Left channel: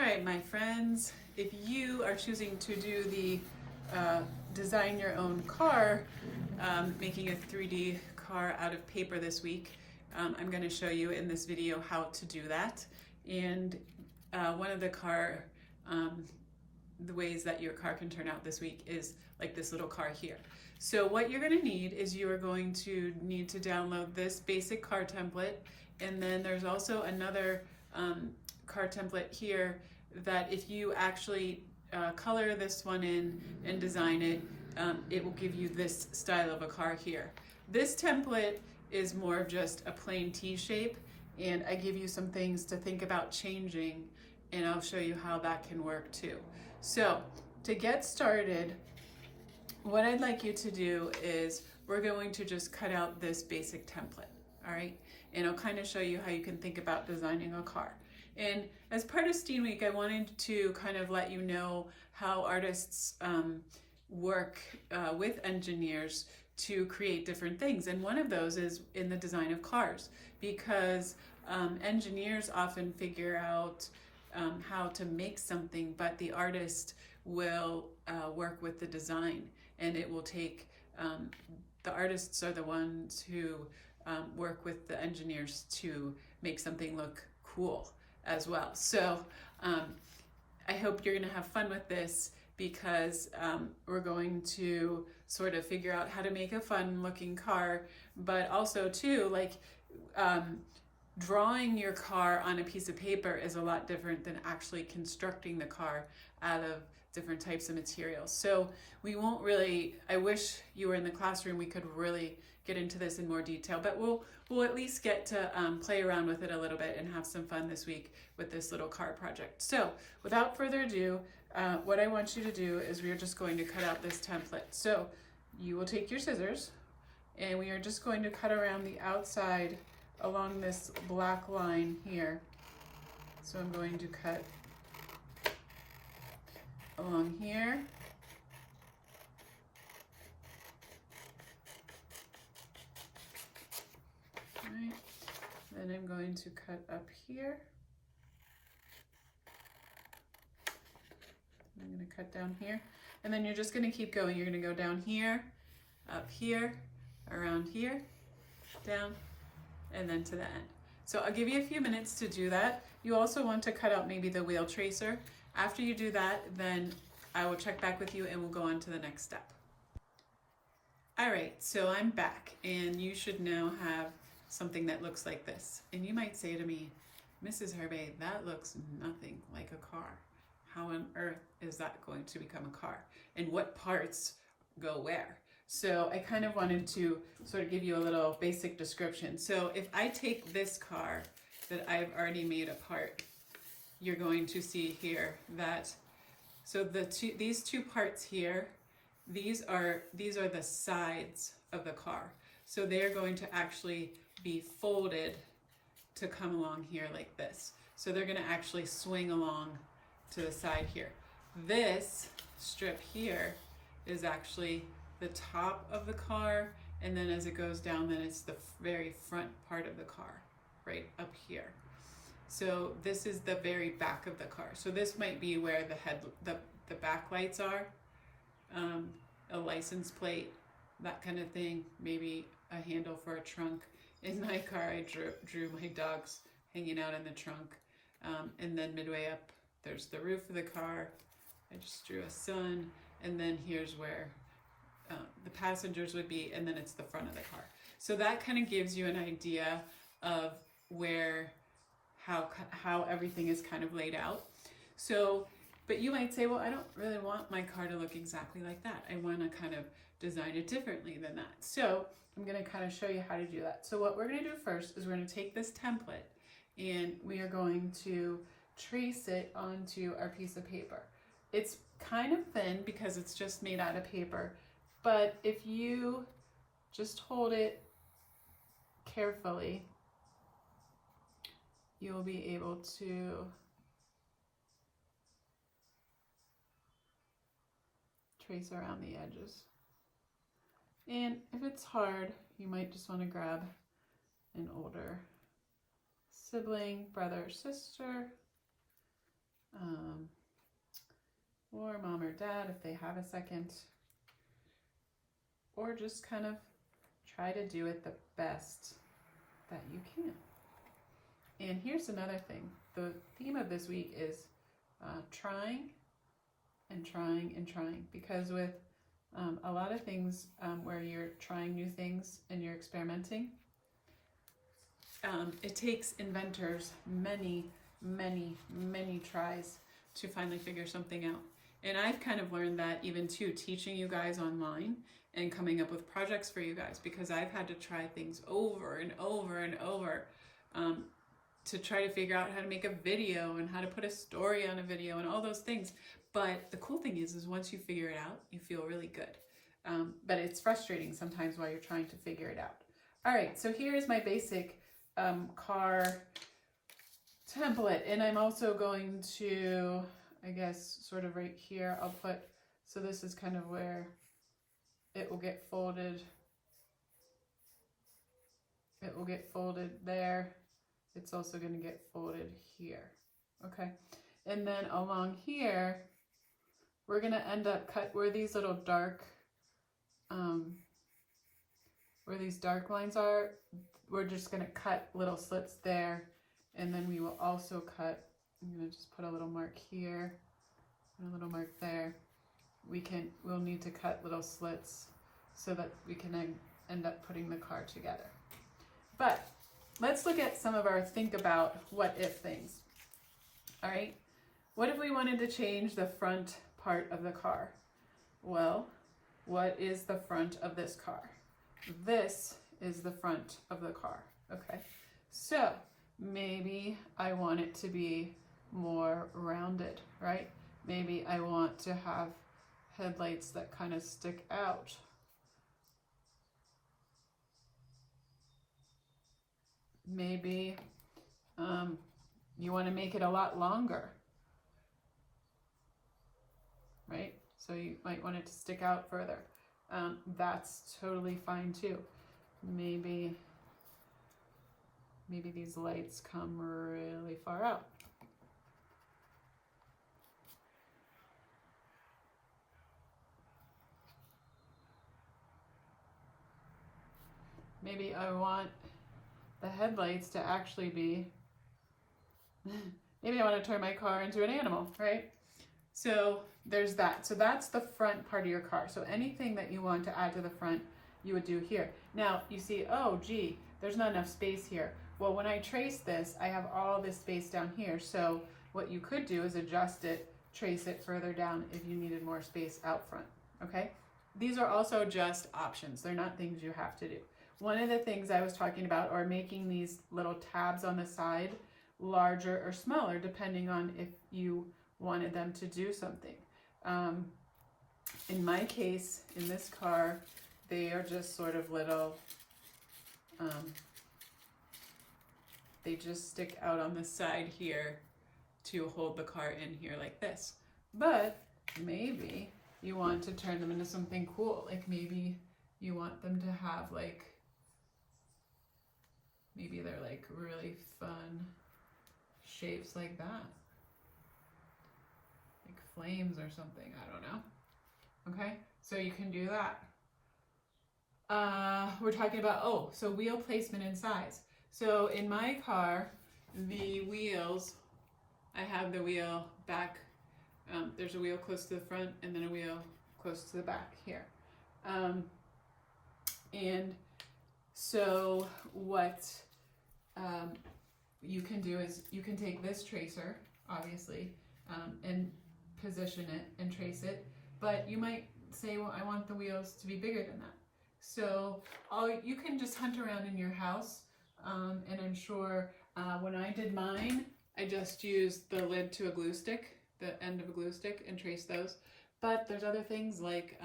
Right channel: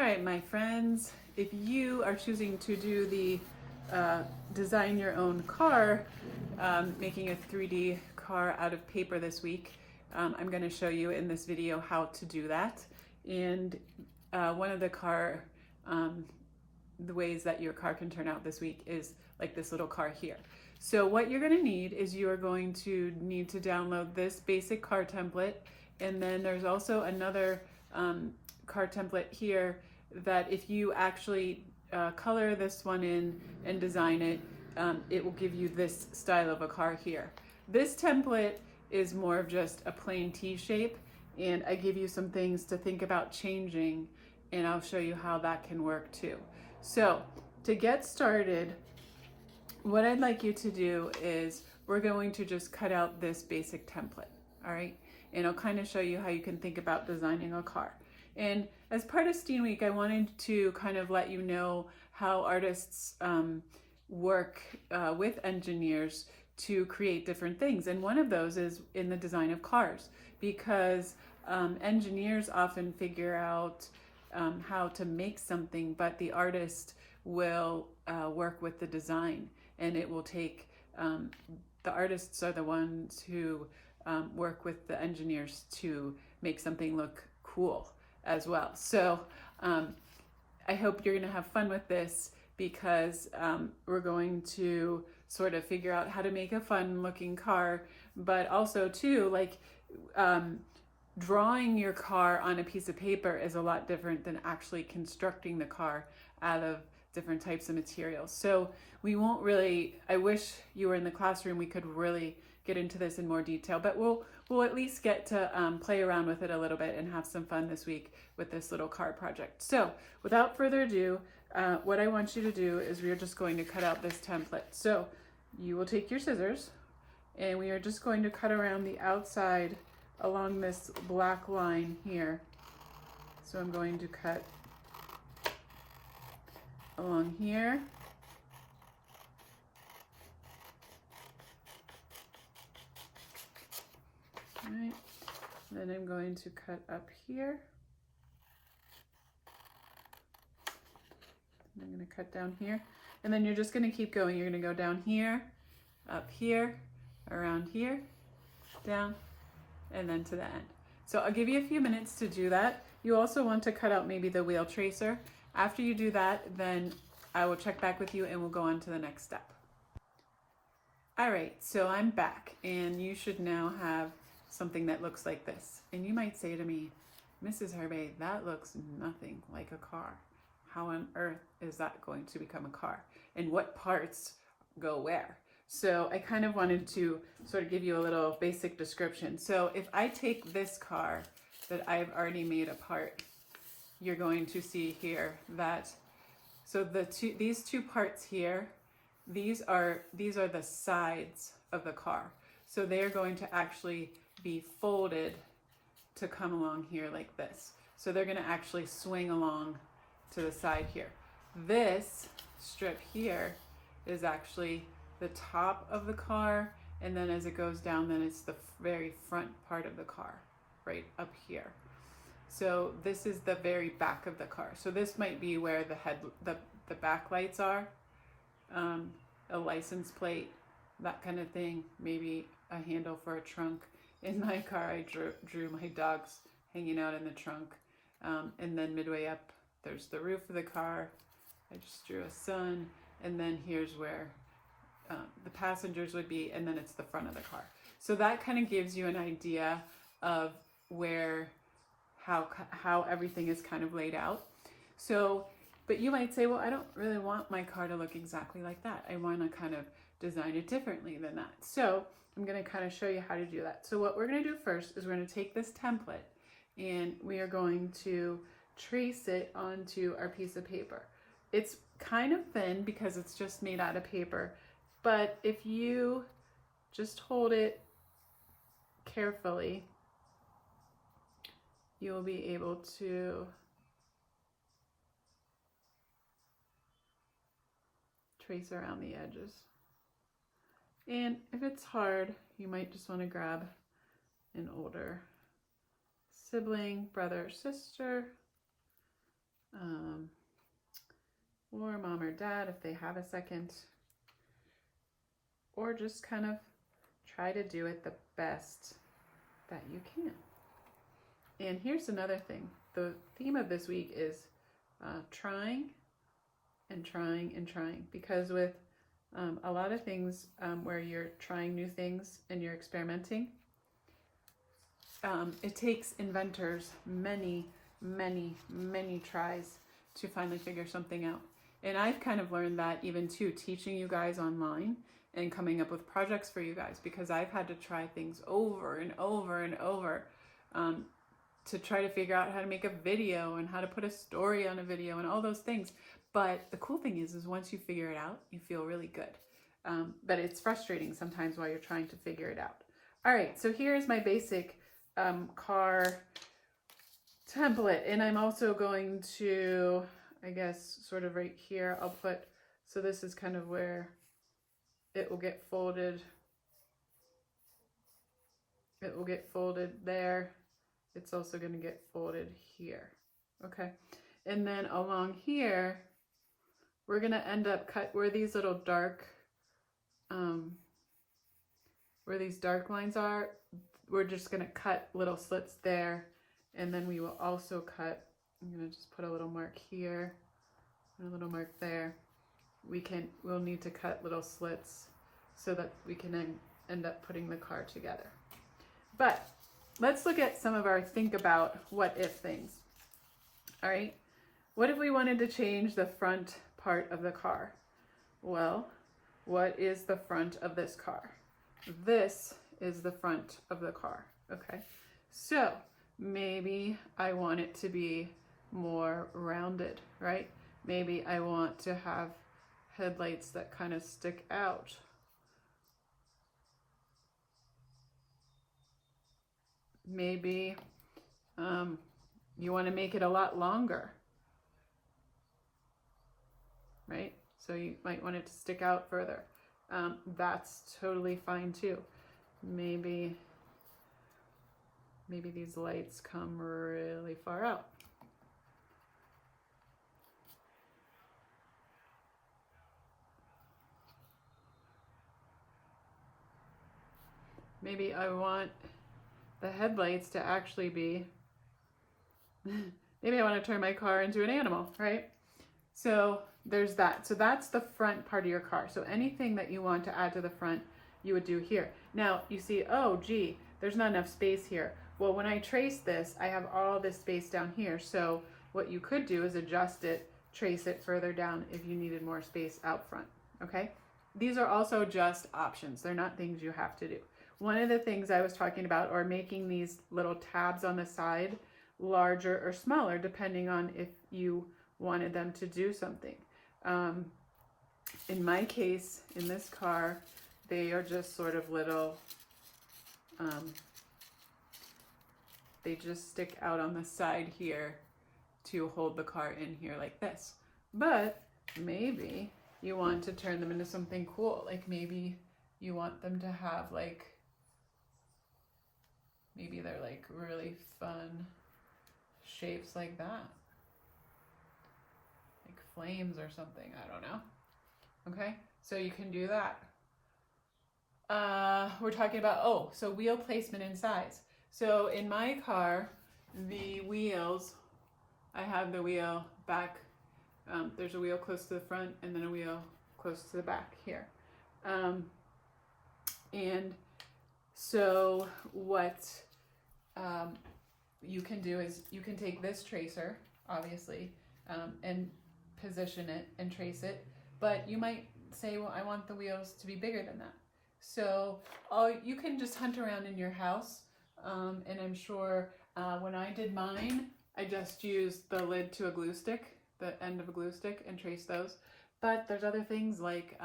All right, my friends, if you are choosing to do the design your own car, making a 3D car out of paper this week, I'm going to show you in this video how to do that. And one of the ways that your car can turn out this week is like this little car here. So what you're going to need is you are going to need to download this basic car template, and then there's also another car template here that if you actually color this one in and design it, it will give you this style of a car here. This template is more of just a plain T shape, and I give you some things to think about changing, and I'll show you how that can work too. So to get started, what I'd like you to do is we're going to just cut out this basic template, all right? And I'll kind of show you how you can think about designing a car. And as part of Steam Week, I wanted to kind of let you know how artists work with engineers to create different things. And one of those is in the design of cars, because engineers often figure out how to make something, but the artist will work with the design, and it will take, the artists are the ones who work with the engineers to make something look cool as well. So I hope you're gonna have fun with this, because we're going to sort of figure out how to make a fun looking car, but also too, like drawing your car on a piece of paper is a lot different than actually constructing the car out of different types of materials. So we won't really, I wish you were in the classroom, we could really get into this in more detail, but we'll at least get to play around with it a little bit and have some fun this week with this little car project. So without further ado, what I want you to do is we are just going to cut out this template. So you will take your scissors, and we are just going to cut around the outside along this black line here. So I'm going to cut along here. All right. Then I'm going to cut up here. I'm going to cut down here. And then you're just going to keep going. You're going to go down here, up here, around here, down, and then to the end. So I'll give you a few minutes to do that. You also want to cut out maybe the wheel tracer. After you do that, then I will check back with you and we'll go on to the next step. All right, so I'm back, and you should now have something that looks like this. And you might say to me, Mrs. Herbay, that looks nothing like a car. How on earth is that going to become a car? And what parts go where? So I kind of wanted to sort of give you a little basic description. So if I take this car that I've already made apart, you're going to see here that, so these two parts here, these are the sides of the car. So they're going to actually be folded to come along here like this. So they're going to actually swing along to the side here. This strip here is actually the top of the car, and then as it goes down, then it's the very front part of the car, right up here. So this is the very back of the car. So this might be where the back lights are, a license plate, that kind of thing, maybe a handle for a trunk. In my car, I drew my dogs hanging out in the trunk, and then midway up, there's the roof of the car. I just drew a sun, and then here's where the passengers would be, and then it's the front of the car. So that kind of gives you an idea of how everything is kind of laid out. So, but you might say, well, I don't really want my car to look exactly like that. I want to kind of design it differently than that. So I'm going to kind of show you how to do that. So what we're going to do first is we're going to take this template, and we are going to trace it onto our piece of paper. It's kind of thin because it's just made out of paper, but if you just hold it carefully, you'll be able to trace around the edges. And if it's hard, you might just want to grab an older sibling, brother or sister, or mom or dad if they have a second, or just kind of try to do it the best that you can. And here's another thing. The theme of this week is trying and trying and trying, because with a lot of things where you're trying new things and you're experimenting, it takes inventors many tries to finally figure something out. And I've kind of learned that even too, teaching you guys online and coming up with projects for you guys, because I've had to try things over and over and over to try to figure out how to make a video and how to put a story on a video and all those things. But the cool thing is once you figure it out, you feel really good. But it's frustrating sometimes while you're trying to figure it out. All right, so here's my basic car template. And I'm also going to, I guess, sort of right here, I'll put, so this is kind of where it will get folded. It will get folded there. It's also going to get folded here. Okay. And then along here, we're going to end up cut where these little dark, where these dark lines are, we're just going to cut little slits there. And then we will also cut, I'm going to just put a little mark here, and a little mark there. We'll need to cut little slits so that we can then end up putting the car together. But let's look at some of our think about what if things. All right. What if we wanted to change the front part of the car? Well, what is the front of this car? This is the front of the car. Okay. So maybe I want it to be more rounded, right? Maybe I want to have headlights that kind of stick out. Maybe you want to make it a lot longer, right? So you might want it to stick out further. That's totally fine too. Maybe these lights come really far out. Maybe I want the headlights to actually be, maybe I want to turn my car into an animal, right? So there's that. So that's the front part of your car. So anything that you want to add to the front, you would do here. Now you see, oh gee, there's not enough space here. Well, when I trace this, I have all this space down here. So what you could do is adjust it, trace it further down if you needed more space out front, okay? These are also just options. They're not things you have to do. One of the things I was talking about are making these little tabs on the side larger or smaller, depending on if you wanted them to do something. In my case, in this car, they are just sort of little, they just stick out on the side here to hold the car in here like this. But maybe you want to turn them into something cool. Like maybe you want them to have like, maybe they're like really fun shapes like that. Like flames or something, I don't know. Okay, so you can do that. We're talking about, so wheel placement and size. So in my car, the wheels, I have the wheel back, there's a wheel close to the front and then a wheel close to the back here. And so what you can do is you can take this tracer, obviously, and position it and trace it, but you might say, well, I want the wheels to be bigger than that. So you can just hunt around in your house, and I'm sure when I did mine, I just used the lid to a glue stick, the end of a glue stick, and traced those. But there's other things like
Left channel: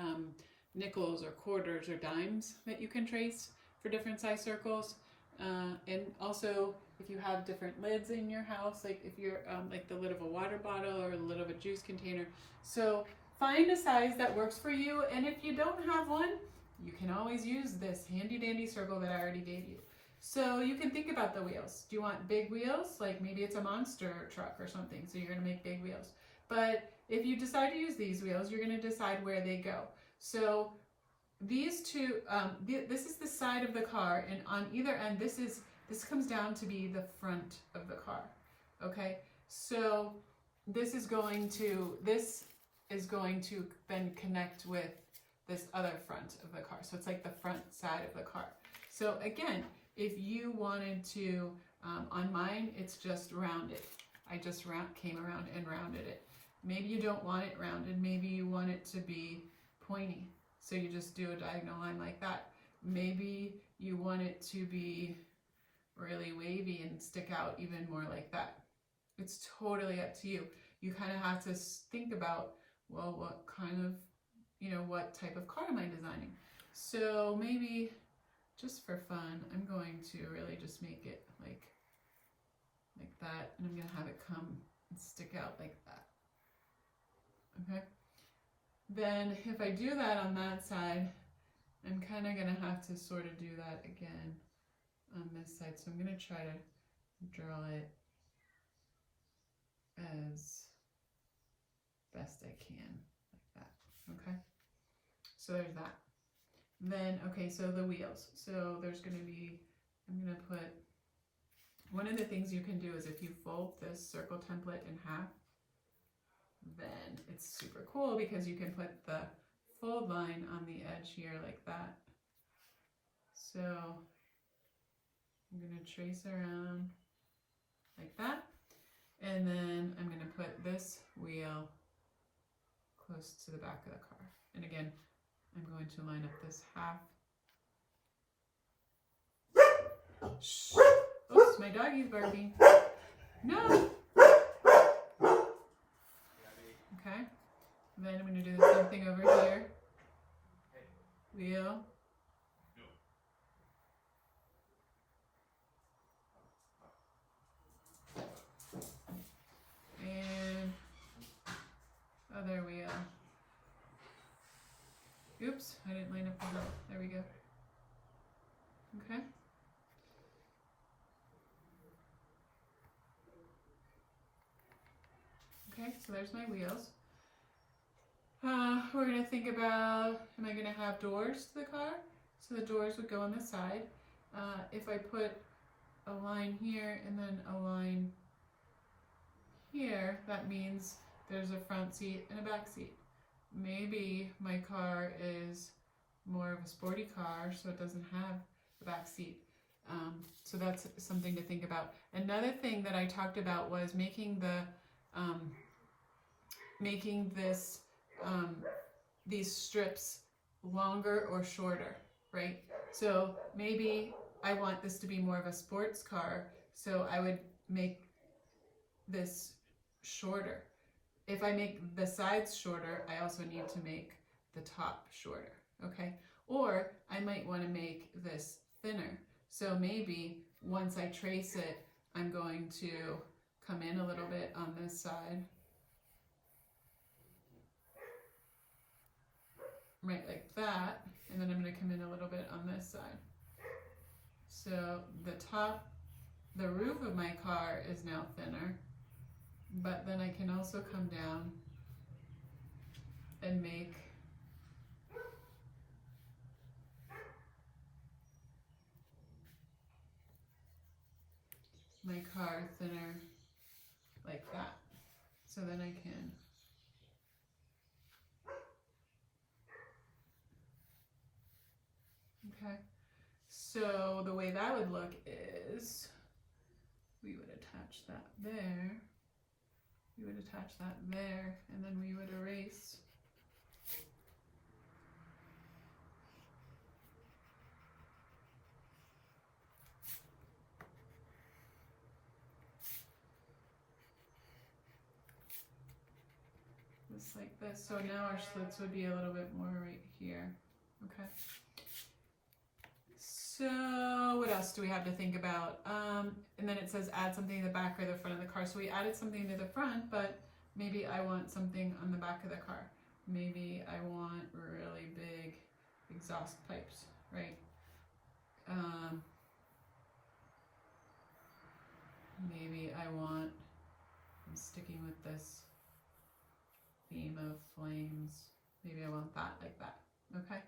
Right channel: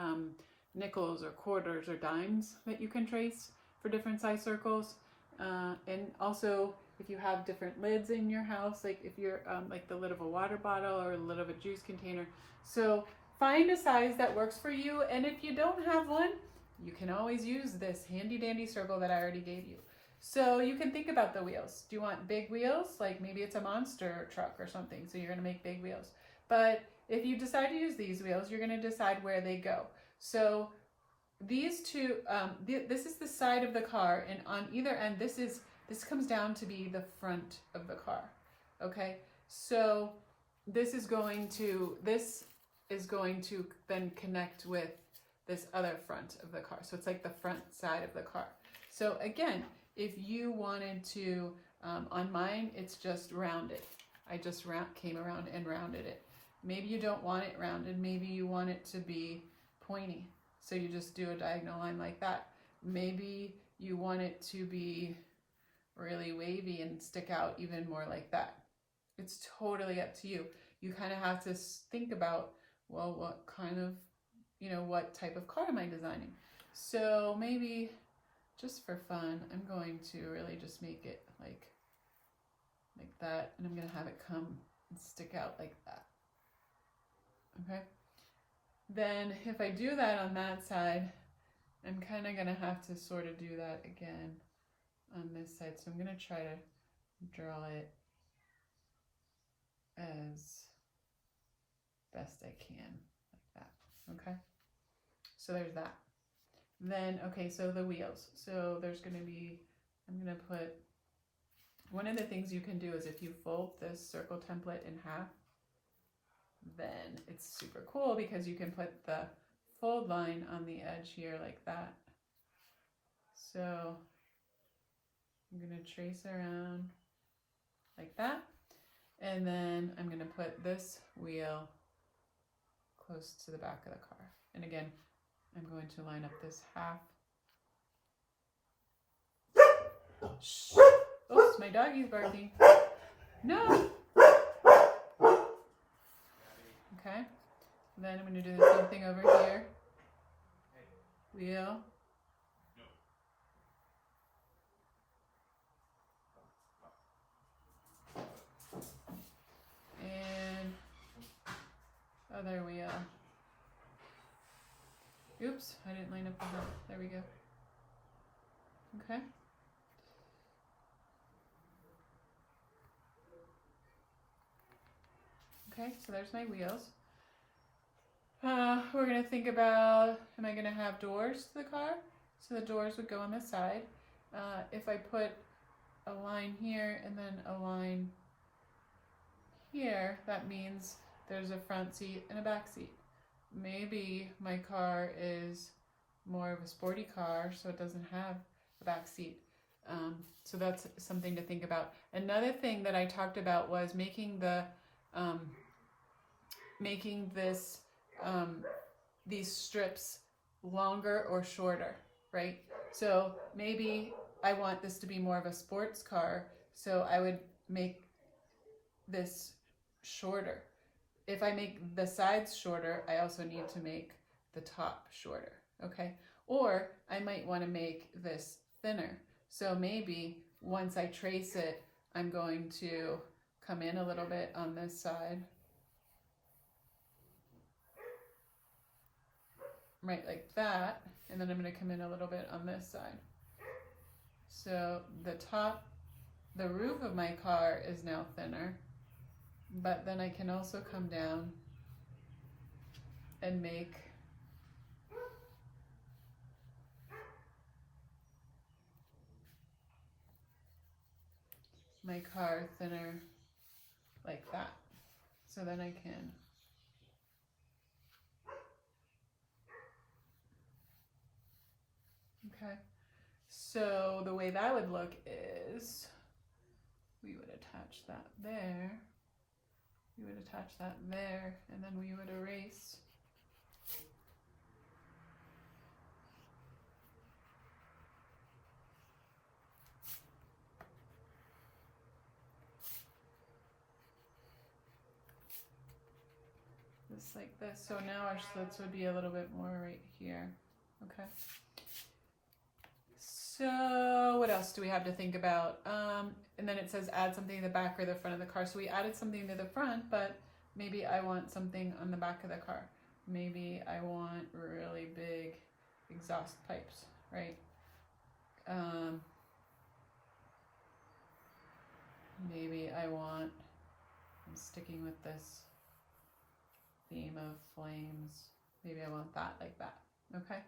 nickels or quarters or dimes that you can trace for different size circles. And also if you have different lids in your house, like if you're like the lid of a water bottle or the lid of a juice container. So find a size that works for you. And if you don't have one, you can always use this handy dandy circle that I already gave you. So you can think about the wheels. Do you want big wheels? Like maybe it's a monster truck or something, so you're going to make big wheels. But if you decide to use these wheels, you're going to decide where they go. So these two, this is the side of the car, and on either end, this comes down to be the front of the car. Okay, so this is going to then connect with this other front of the car. So it's like the front side of the car. So again, if you wanted to, on mine, it's just rounded. I just came around and rounded it. Maybe you don't want it rounded. Maybe you want it to be pointy. So you just do a diagonal line like that. Maybe you want it to be really wavy and stick out even more like that. It's totally up to you. You kind of have to think about, well, what kind of, what type of car am I designing? So maybe just for fun, I'm going to really just make it like that, and I'm going to have it come and stick out like that. Okay? Then if I do that on that side, I'm kind of going to have to sort of do that again on this side. So I'm going to try to draw it as best I can, like that. Okay? So there's that. Then, okay, so the wheels. So there's going to be, I'm going to put, one of the things you can do is if you fold this circle template in half, then it's super cool because you can put the fold line on the edge here like that. So I'm going to trace around like that, and then I'm going to put this wheel close to the back of the car. And again, I'm going to line up this half. Shh. Oops, my doggy's barking. No! Okay, and then I'm going to do the same thing over here. Wheel. And other wheel. Oops, I didn't line up the wheel. There we go. Okay. Okay, so there's my wheels. We're going to think about, am I going to have doors to the car? So the doors would go on the side. If I put a line here and then a line here, that means there's a front seat and a back seat. Maybe my car is more of a sporty car, so it doesn't have a back seat. So that's something to think about. Another thing that I talked about was making these strips longer or shorter, right? So maybe I want this to be more of a sports car, so I would make this shorter. If I make the sides shorter, I also need to make the top shorter, okay? Or I might want to make this thinner. So maybe once I trace it, I'm going to come in a little bit on this side. Right, like that, and then I'm going to come in a little bit on this side. So the roof of my car is now thinner, but then I can also come down and make my car thinner like that. So then I can okay. So the way that would look is we would attach that there, we would attach that there, and then we would erase. This like this. So now our slits would be a little bit more right here. Okay. So what else do we have to think about? And then it says add something to the back or the front of the car. So we added something to the front, but maybe I want something on the back of the car. Maybe I want really big exhaust pipes, right? maybe I'm sticking with this theme of flames. Maybe I want that like that, okay?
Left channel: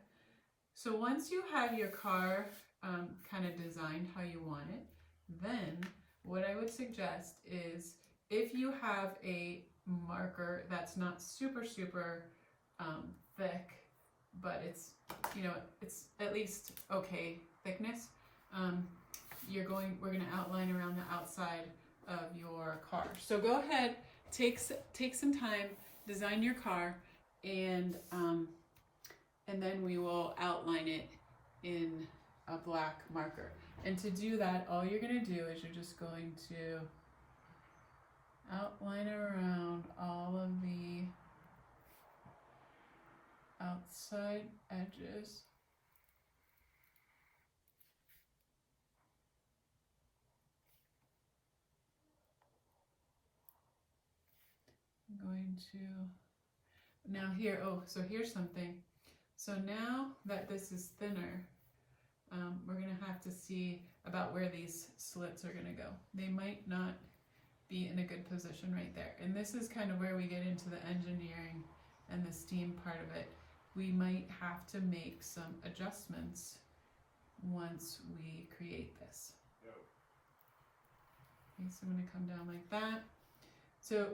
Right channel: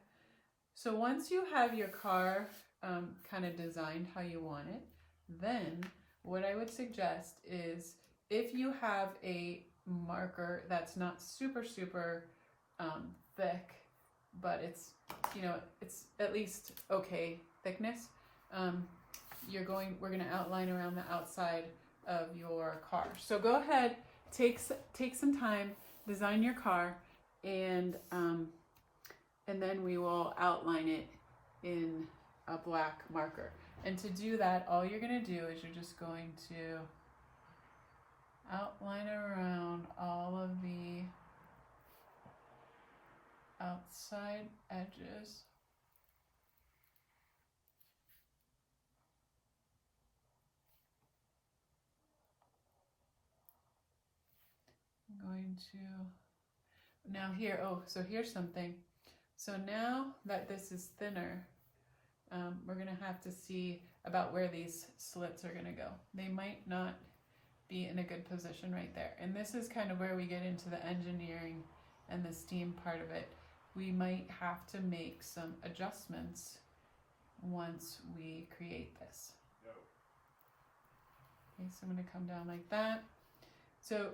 So once you have your car kind of designed how you want it, then what I would suggest is if you have a marker that's not super thick, but it's, you know, it's at least okay thickness, we're going to outline around the outside of your car. So go ahead, take some time, design your car, and then we will outline it in a black marker. And to do that, all you're going to do is you're just going to outline around all of the outside edges. I'm going to, now here, so here's something. So now that this is thinner, we're going to have to see about where these slits are going to go. They might not be in a good position right there. And this is kind of where we get into the engineering and the steam part of it. We might have to make some adjustments once we create this. Okay, so I'm going to come down like that. So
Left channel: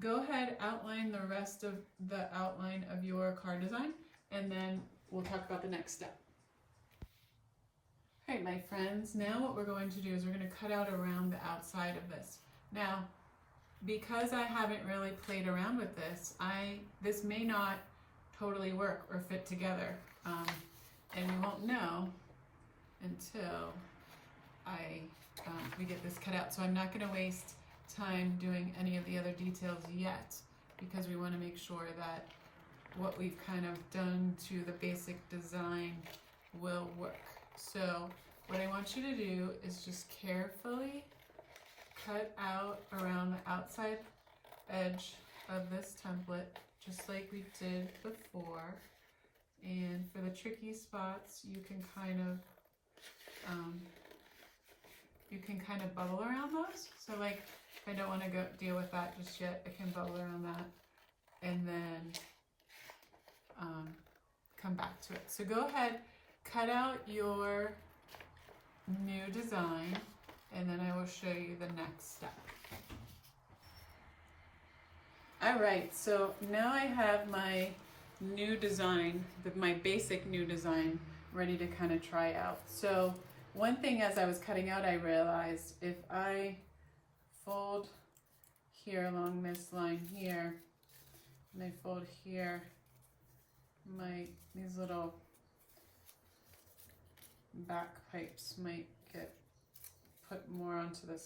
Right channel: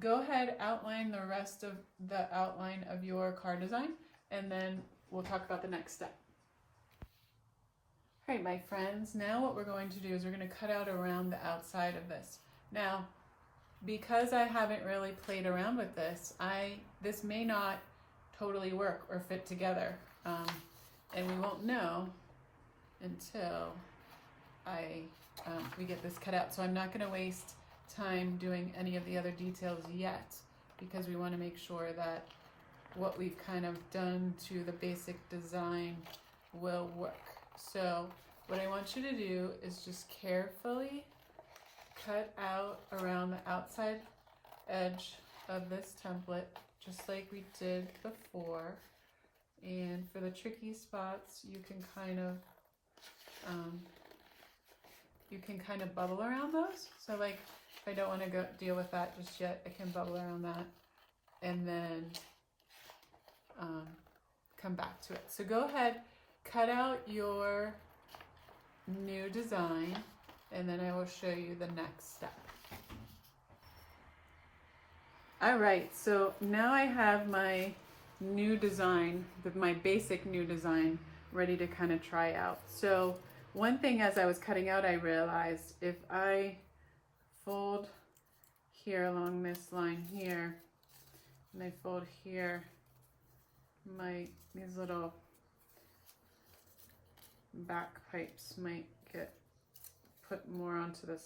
go ahead, outline the rest of the outline of your car design, and then we'll talk about the next step. All right, my friends, now what we're going to do is we're going to cut out around the outside of this. Now, because I haven't really played around with this, this may not totally work or fit together, and we won't know until we get this cut out. So I'm not going to waste time doing any of the other details yet, because we want to make sure that what we've kind of done to the basic design will work. So what I want you to do is just carefully cut out around the outside edge of this template, just like we did before. And for the tricky spots, you can kind of bubble around those. So like, if I don't want to go deal with that just yet, I can bubble around that and then come back to it. So go ahead, cut out your new design, and then I will show you the next step. All right, so now I have my new design, my basic new design, ready to kind of try out. So one thing as I was cutting out, I realized if I fold here along this line here, and I fold here, these little back pipes might get put more onto the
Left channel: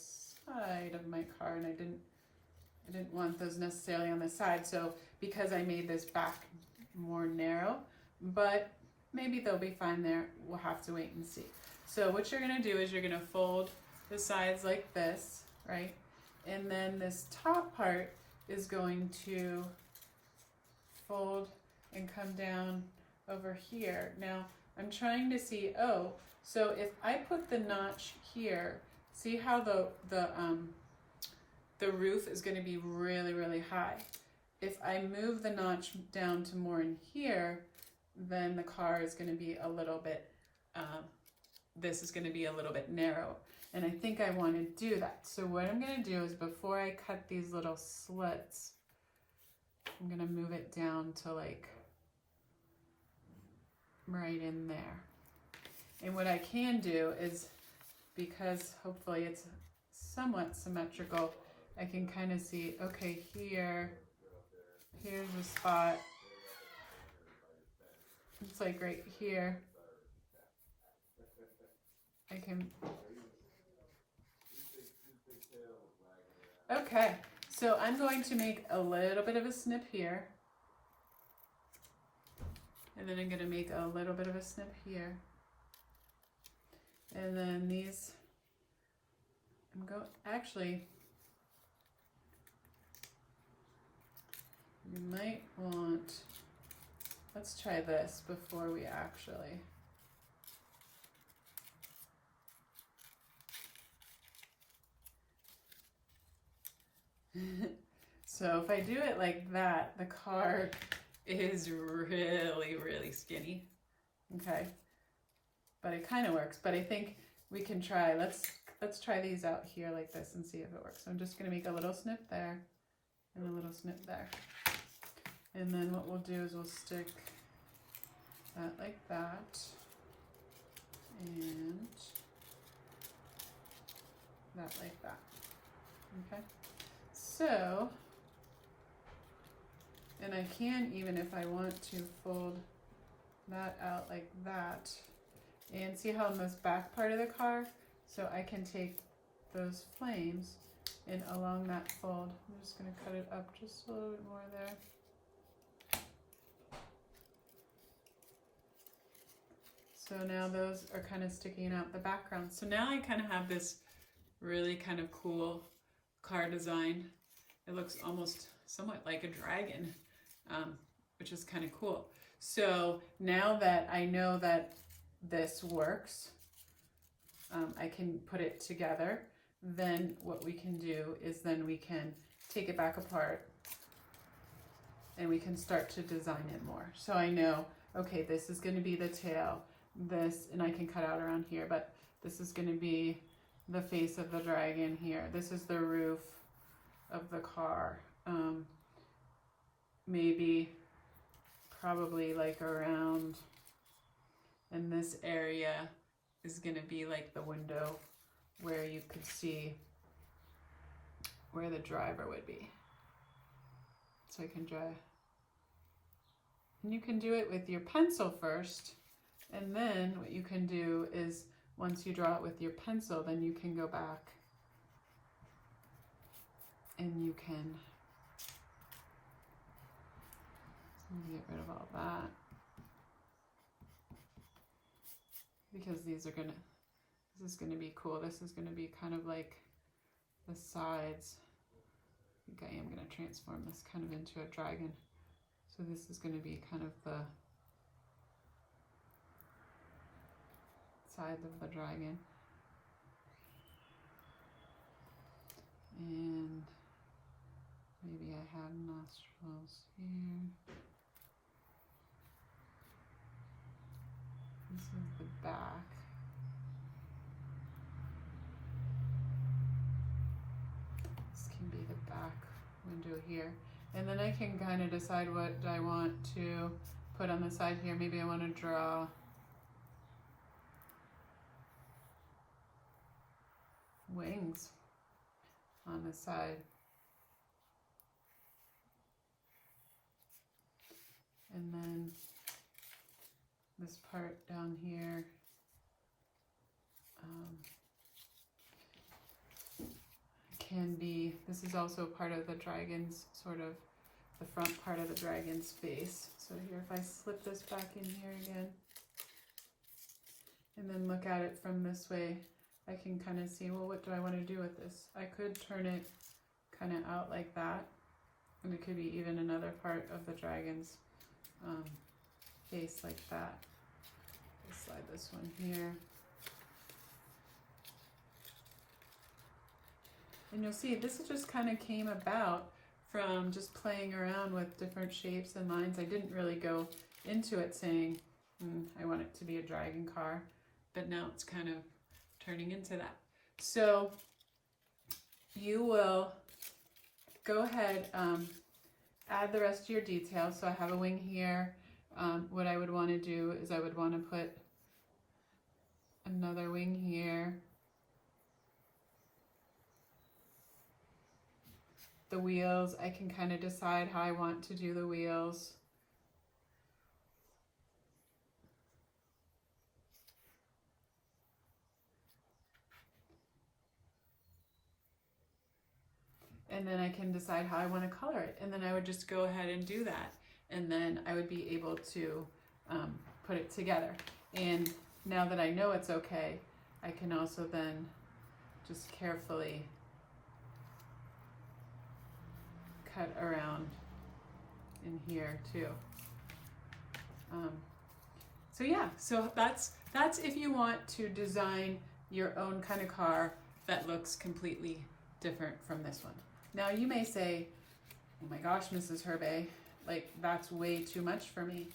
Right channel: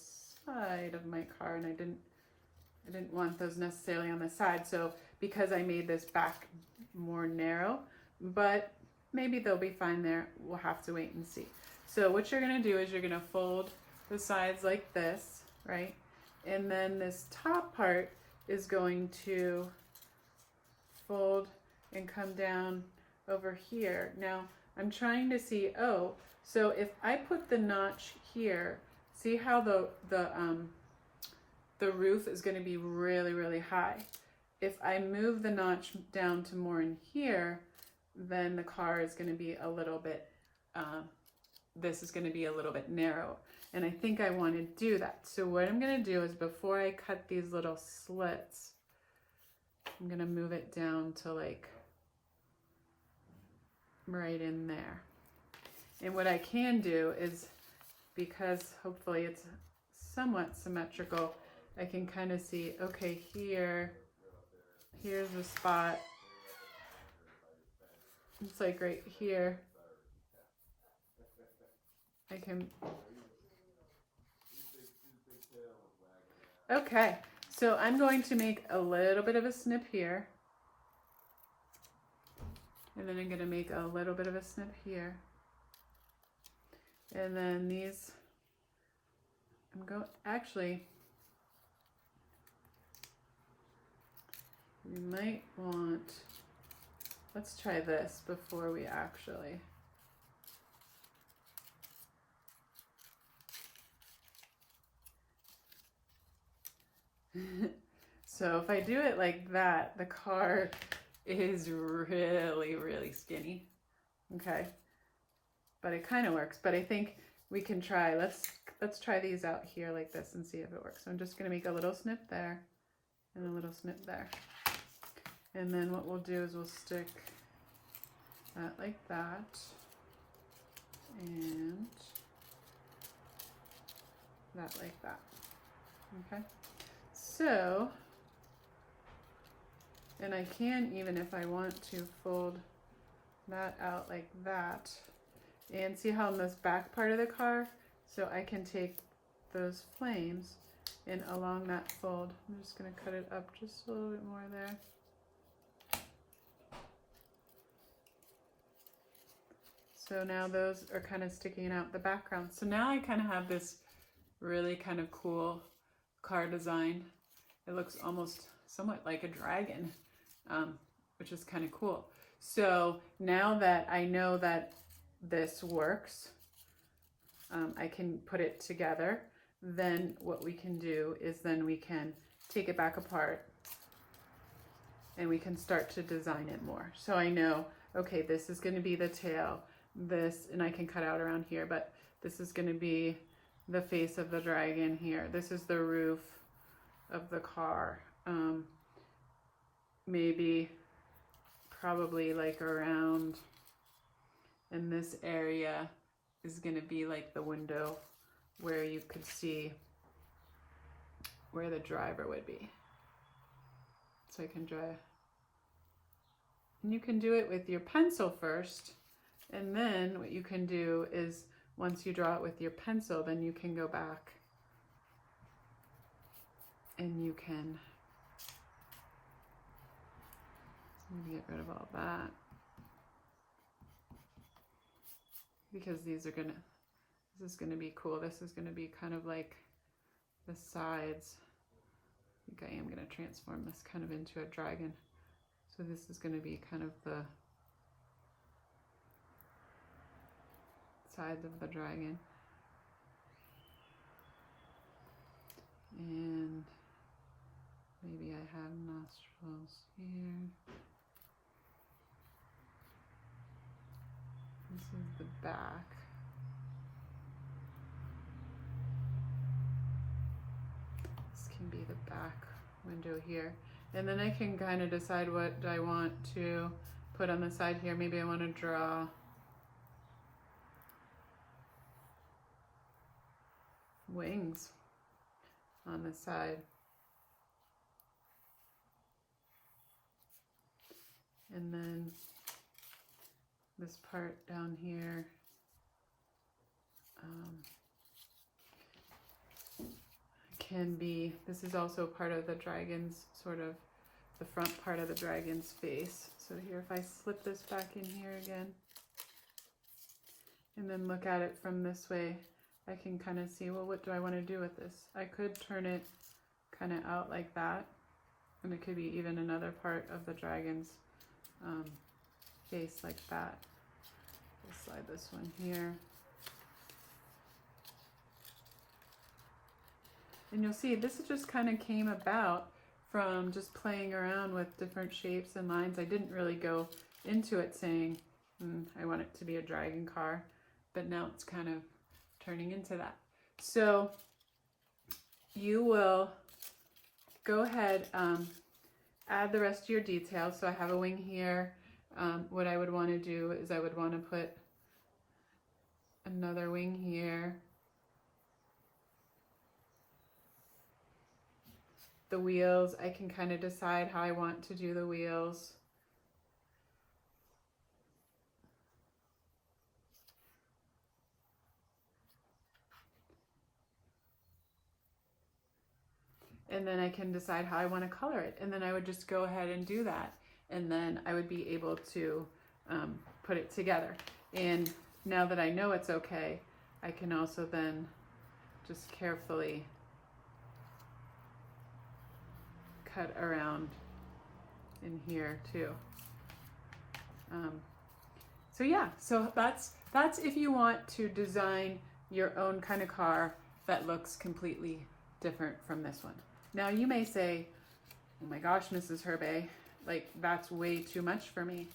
side of my car, and I didn't want those necessarily on the side. So because I made this back more narrow, but maybe they'll be fine there. We'll have to wait and see. So what you're gonna do is you're gonna fold the sides like this, right? And then this top part is going to fold and come down over here. Now I'm trying to see, so if I put the notch here, see how the roof is going to be really high. If I move the notch down to more in here, then the car is going to be a little bit, this is going to be a little bit narrow. And I think I want to do that. So what I'm going to do is before I cut these little slits, I'm going to move it down to like right in there. And what I can do is, because hopefully it's somewhat symmetrical, I can kind of see, okay, here's a spot. It's like right here. I can, okay, so I'm going to make a little bit of a snip here. And then I'm going to make a little bit of a snip here. And then these, actually, you might want, let's try this before we actually. So if I do it like that, the car is really, really skinny. Okay. But it kind of works. But I think we can try, let's try these out here like this and see if it works. So I'm just going to make a little snip there and a little snip there. And then what we'll do is we'll stick that like that and that like that. Okay. So, and I can, even if I want to, fold that out like that. And see how in this back part of the car, so I can take those flames and along that fold, I'm just going to cut it up just a little bit more there. So now those are kind of sticking out the background. So now I kind of have this really kind of cool car design. It looks almost somewhat like a dragon, which is kind of cool. So now that I know that this works, I can put it together. Then what we can do is then we can take it back apart and we can start to design it more. So I know, okay, this is going to be the tail, this, and I can cut out around here, but this is going to be the face of the dragon here. This is the roof of the car. Maybe probably like around in this area is going to be like the window where you could see where the driver would be. So I can draw. And you can do it with your pencil first. And then what you can do is once you draw it with your pencil, then you can go back and you can get rid of all that. Because these are gonna, this is gonna be cool. This is gonna be kind of like the sides. I think I am gonna transform this kind of into a dragon. So this is gonna be kind of the sides of the dragon. And maybe I have nostrils here. This is the back. This can be the back window here. And then I can kind of decide what I want to put on the side here. Maybe I want to draw wings on the side. And then this part down here, can be, this is also part of the dragon's, sort of the front part of the dragon's face. So here, if I slip this back in here again, and then look at it from this way, I can kind of see, well, what do I want to do with this? I could turn it kind of out like that, and it could be even another part of the dragon's face like that. I'll slide this one here. And you'll see this just kind of came about from just playing around with different shapes and lines. I didn't really go into it saying, I want it to be a dragon car, but now it's kind of turning into that. So you will go ahead, add the rest of your details. So I have a wing here. What I would want to do is I would want to put another wing here. The wheels, I can kind of decide how I want to do the wheels. And then I can decide how I want to color it. And then I would just go ahead and do that. And then I would be able to put it together. And now that I know it's okay, I can also then just carefully cut around in here too. So yeah, so that's if you want to design your own kind of car that looks completely different from this one. Now you may say, oh my gosh, Mrs. Herbay, like that's way too much for me.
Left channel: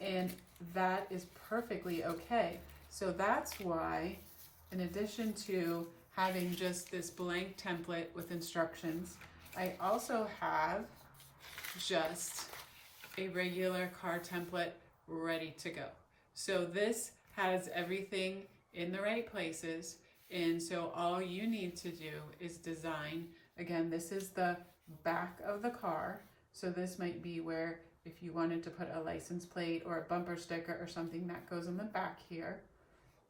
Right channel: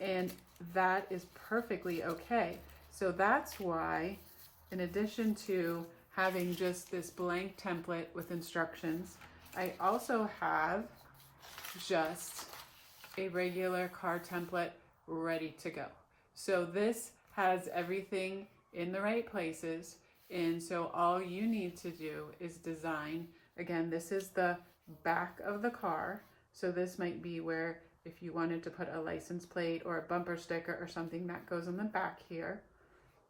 And that is perfectly okay. So that's why, in addition to having just this blank template with instructions, I also have just a regular card template ready to go. So this has everything in the right places, and so all you need to do is design. Again, this is the back of the car, so this might be where if you wanted to put a license plate or a bumper sticker or something, that goes on the back here.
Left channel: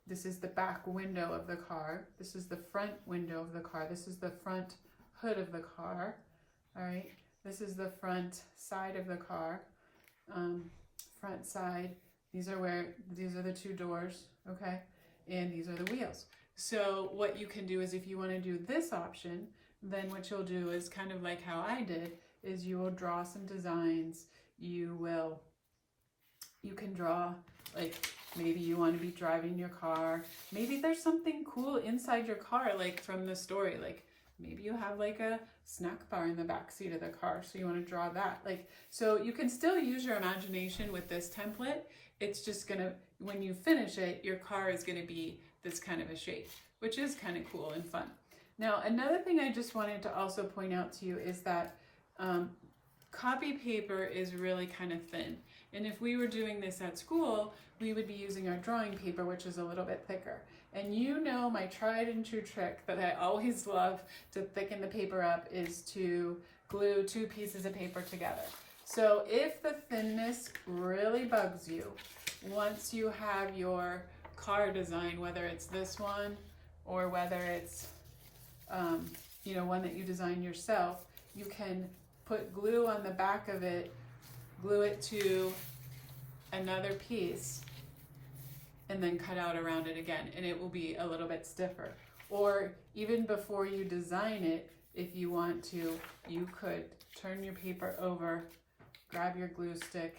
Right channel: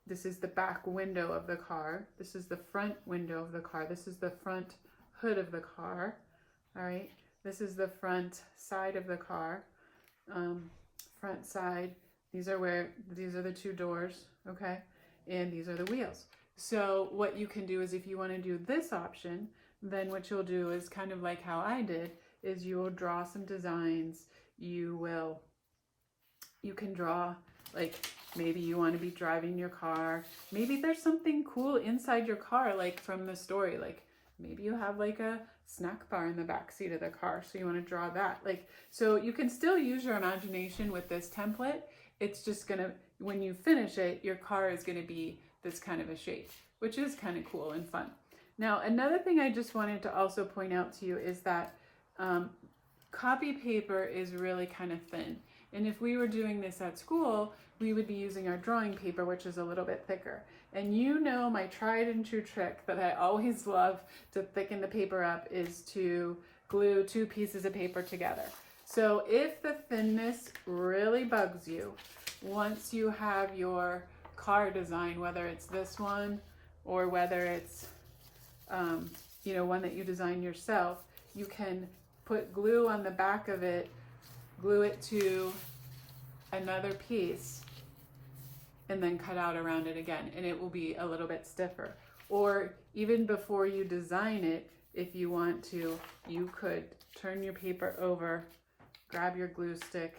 This is the back window of the car. This is the front window of the car. This is the front hood of the car. All right, this is the front side of the car. Front side, these are the two doors, okay? And these are the wheels. So what you can do is, if you want to do this option, then what you'll do is kind of like how I did, is you will draw some designs. You can draw, like maybe you want to be driving your car. Maybe there's something cool inside your car, like from the story, like maybe you have like a snack bar in the back seat of the car, so you want to draw that. Like, so you can still use your imagination with this template. It's just gonna, when you finish it, your car is gonna be this kind of a shape, which is kind of cool and fun. Now, another thing I just wanted to also point out to you is that copy paper is really kind of thin. And if we were doing this at school, we would be using our drawing paper, which is a little bit thicker. And you know, my tried and true trick that I always love to thicken the paper up is to glue two pieces of paper together. So if the thinness really bugs you, once you have your car design, whether it's this one or whether it's you know, one that you design yourself, you can put glue on the back of it, glue it to another piece, and then cut out around it again, and it will be a little bit stiffer. Or even before you design it, if you want to, you could turn your paper over, grab your glue stick,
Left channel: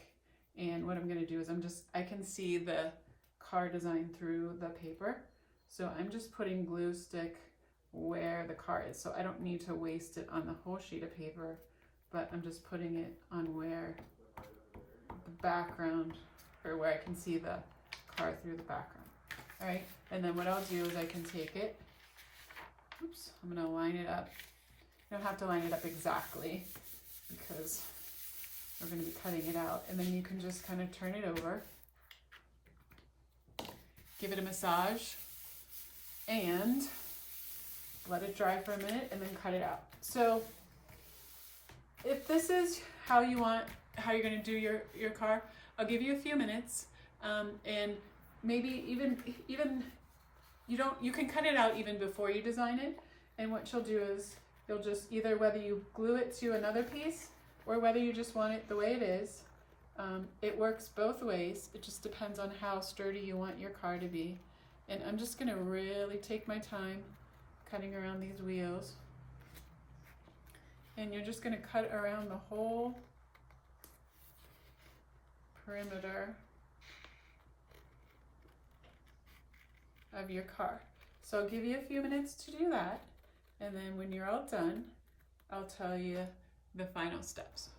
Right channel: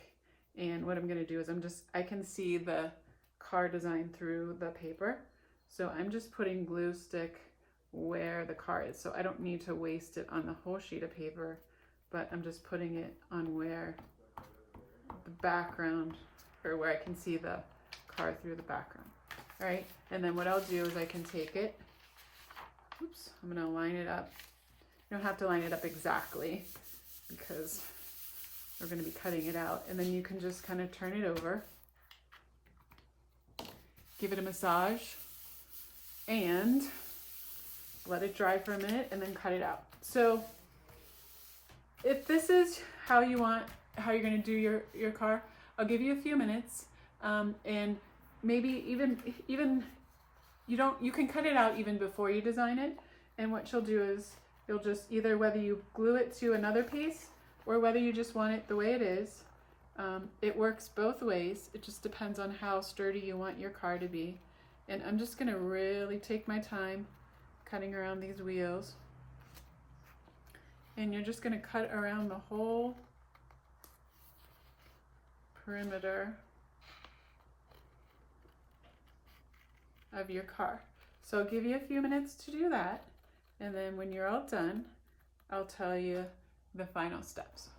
and what I'm going to do is I can see the car design through the paper, so I'm just putting glue stick where the car is. So I don't need to waste it on the whole sheet of paper, but I'm just putting it on where the background, or where I can see the car through the background. All right, and then what I'll do is I can take it, oops, I'm gonna line it up. You don't have to line it up exactly because we're gonna be cutting it out. And then you can just kind of turn it over, give it a massage, and let it dry for a minute, and then cut it out. So if this is how you're gonna do your car, I'll give you a few minutes, and maybe even you can cut it out even before you design it. And what you'll do is you'll just either, whether you glue it to another piece or whether you just want it the way it is, it works both ways. It just depends on how sturdy you want your car to be. And I'm just gonna really take my time cutting around these wheels. And you're just gonna cut around the whole perimeter of your car. So I'll give you a few minutes to do that, and then when you're all done, I'll tell you the final steps.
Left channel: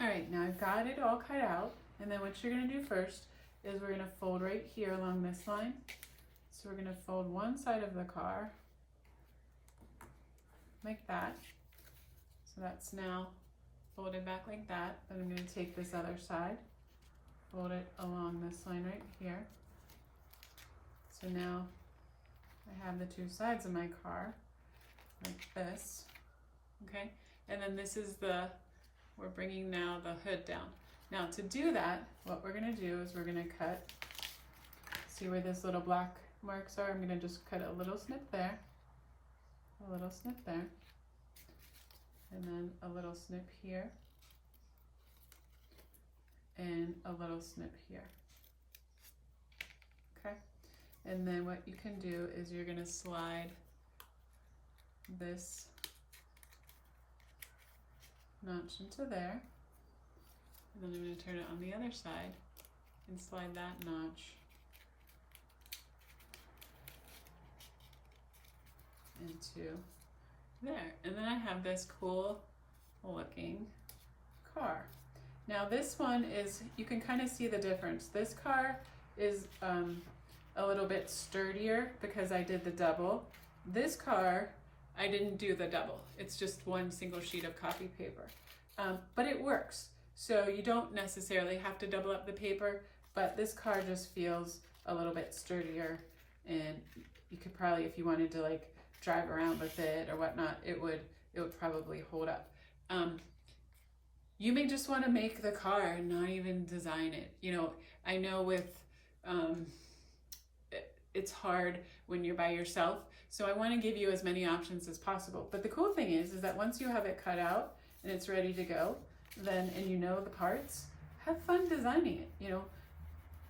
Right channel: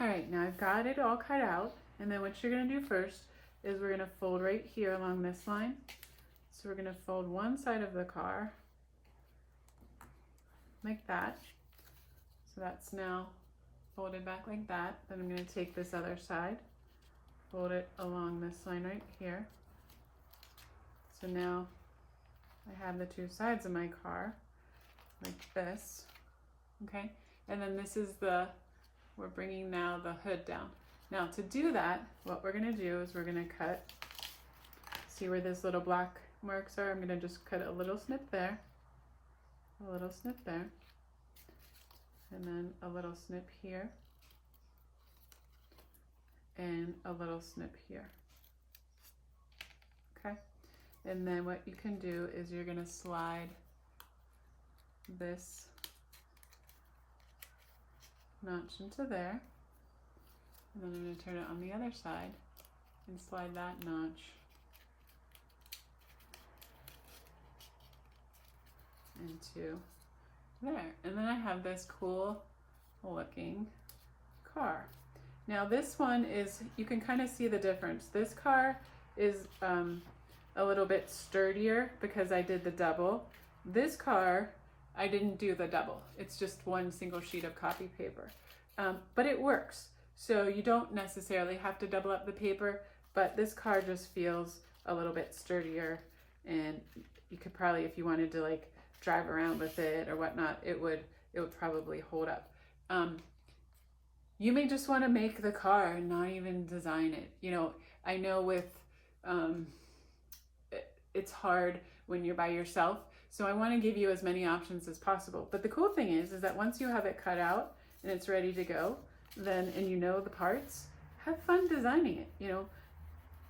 All right, now I've got it all cut out, and then what you're gonna do first is we're gonna fold right here along this line. So we're gonna fold one side of the car like that. So that's now folded back like that. Then I'm gonna take this other side, fold it along this line right here. So now I have the two sides of my car like this, okay? And then this is we're bringing now the hood down. Now to do that, what we're gonna do is we're gonna cut, see where this little black marks are? I'm gonna just cut a little snip there, a little snip there, and then a little snip here, and a little snip here, okay? And then what you can do is you're gonna slide this notch into there, and then I'm gonna turn it on the other side and slide that notch into there. And then I have this cool looking car. Now this one is, you can kind of see the difference. This car is a little bit sturdier because I did the double. This car, I didn't do the double. It's just one single sheet of copy paper. But it works. So you don't necessarily have to double up the paper, but this car just feels a little bit sturdier, and you could probably, if you wanted to like drive around with it or whatnot, it would probably hold up. You may just want to make the car and not even design it. You know, I know with it's hard when you're by yourself, so I want to give you as many options as possible. But the cool thing is that once you have it cut out and it's ready to go, then, and you know the parts, have fun designing it. You know,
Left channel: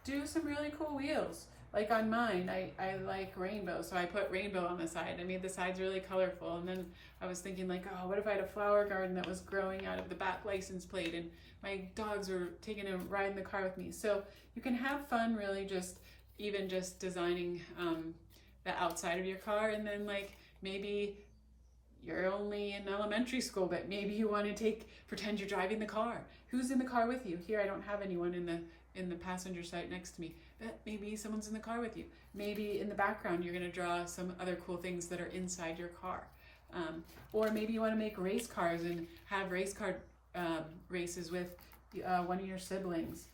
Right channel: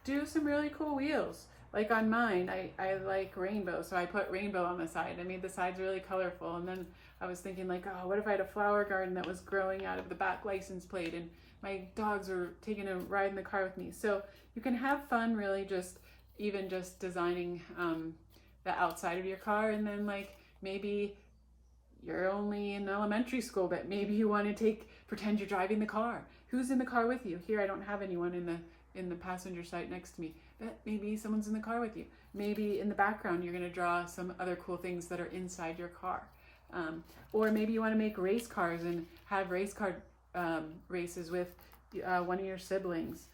do some really cool wheels. Like on mine, I like rainbow, so I put rainbow on the side. I made the sides really colorful, and then I was thinking like, oh, what if I had a flower garden that was growing out of the back license plate and my dogs were taking a ride in the car with me. So you can have fun really just designing the outside of your car, and then like maybe you're only in elementary school, but maybe you want to pretend you're driving the car. Who's in the car with you? Here I don't have anyone in the passenger side next to me, but maybe someone's in the car with you. Maybe in the background you're going to draw some other cool things that are inside your car. Or maybe you want to make race cars and have race car races with one of your siblings.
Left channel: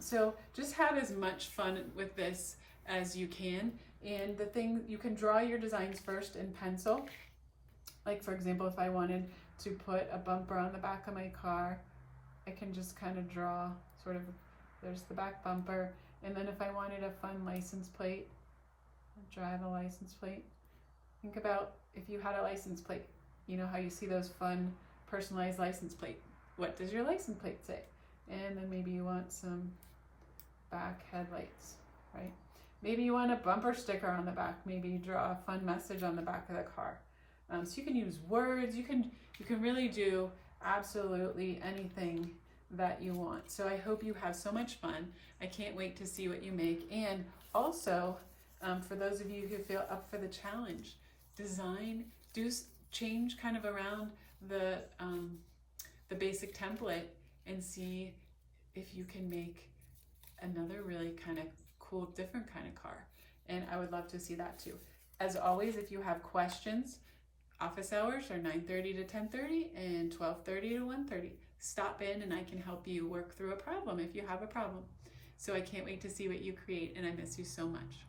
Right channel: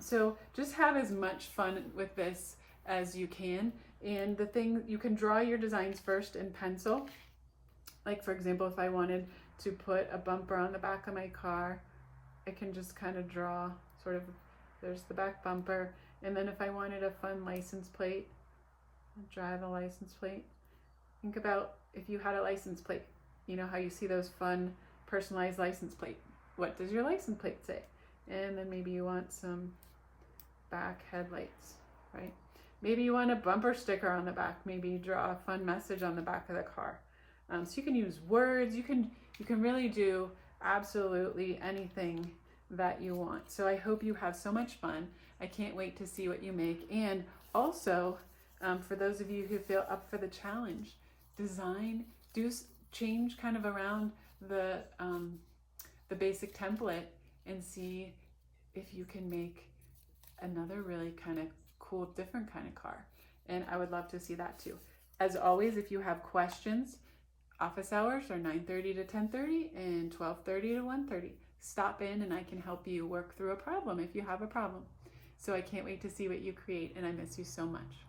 So just have as much fun with this as you can. And the thing, you can draw your designs first in pencil. Like for example, if I wanted to put a bumper on the back of my car, I can just kind of draw sort of, there's the back bumper. And then if I wanted a fun license plate, drive a license plate. Think about if you had a license plate, you know how you see those fun personalized license plate. What does your license plate say? And then maybe you want some back headlights, right? Maybe you want a bumper sticker on the back. Maybe you draw a fun message on the back of the car. So you can use words. You can really do absolutely anything that you want. So I hope you have so much fun. I can't wait to see what you make. And also, for those of you who feel up for the challenge, change kind of around the basic template and see if you can make another really kind of cool, different kind of car. And I would love to see that too. As always, if you have questions, office hours are 9:30 to 10:30 and 12:30 to 1:30. Stop in and I can help you work through a problem if you have a problem. So I can't wait to see what you create, and I miss you so much.